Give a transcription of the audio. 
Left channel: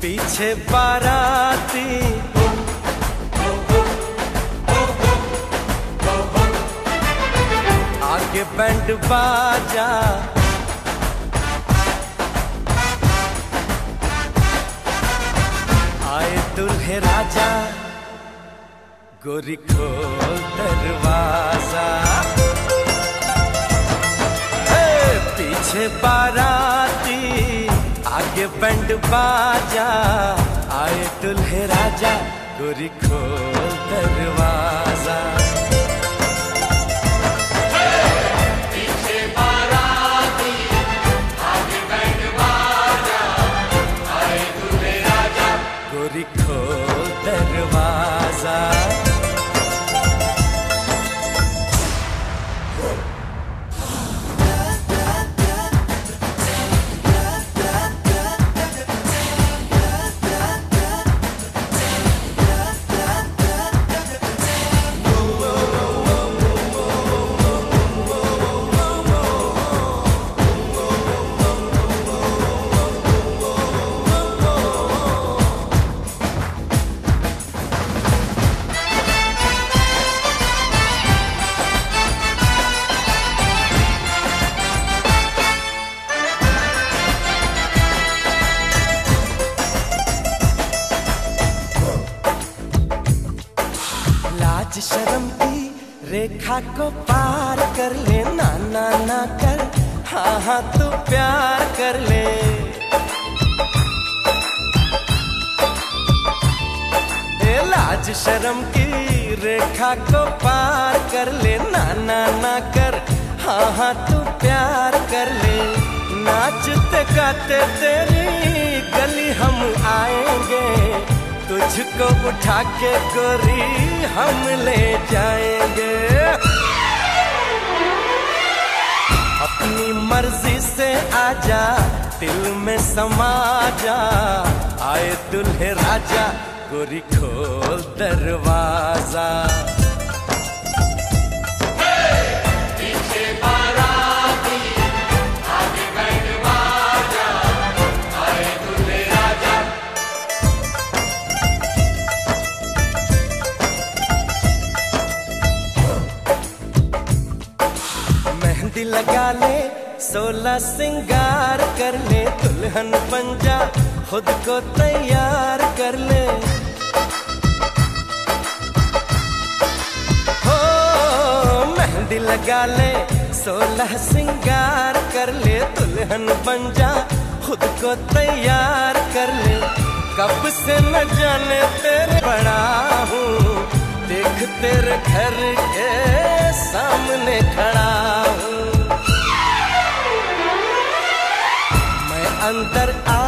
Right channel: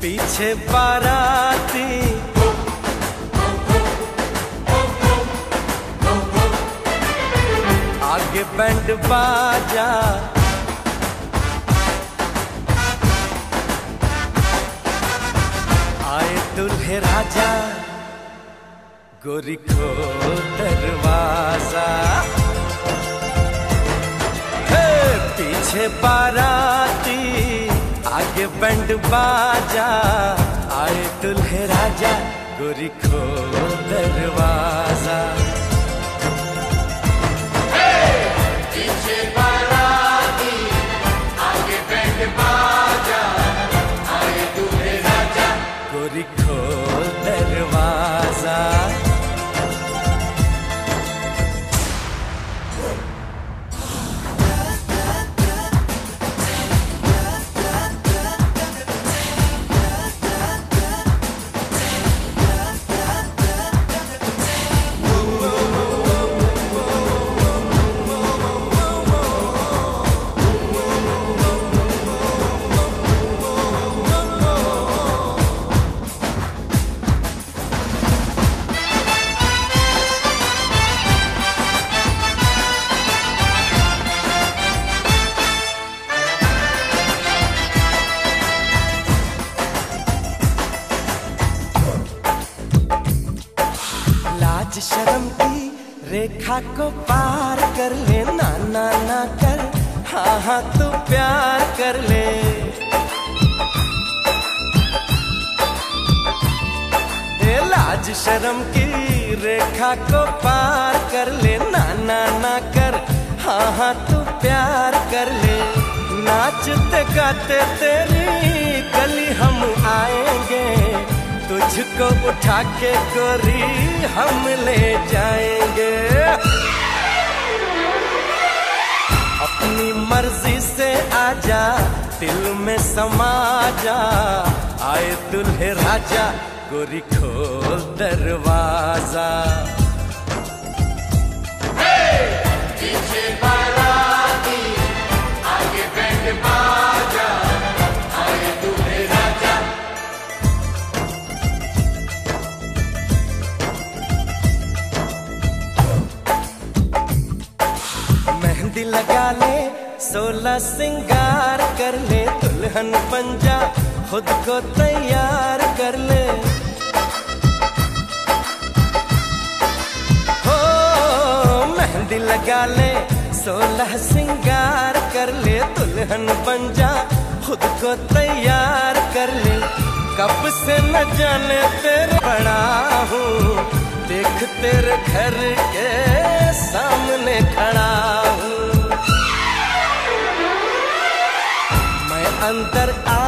पीछे बाराती आगे बैंड बाजा, आए दुल्हे राजा, गोरी खोल दरवाजा। पीछे बाराती आगे बैंड बाजा, आए दुल्हे राजा, गोरी खोल दरवाजा। पीछे बाराती आगे बैंड बाजा, आए दुल्हे राजा, गोरी खोल दरवाजा। लाज शर्म की रेखा को पार कर ले, ना ना ना कर, हाँ हाँ तू प्यार कर ले। लाज शर्म की रेखा को पार कर ले, ना ना ना कर, हाँ हाँ तू प्यार कर ले। नाचते गाते तेरी गली हम आएंगे, तुझको उठा के गोरी हम ले जाएंगे। अपनी मर्जी से आजा, दिल में समा जा, आए दुल्हे राजा, गोरी खोल दरवाजा। मेहंदी लगा ले, 16 सिंगार कर ले, दुल्हन बन जा, खुद को तैयार कर ले। हो मेहंदी लगा ले, 16 सिंगार कर ले, दुल्हन बन जा, खुद को तैयार कर ले। कब से न जाने तेरे पड़ा हूँ, देख तेरे घर के सामने खड़ा हूँ। मैं अंदर आ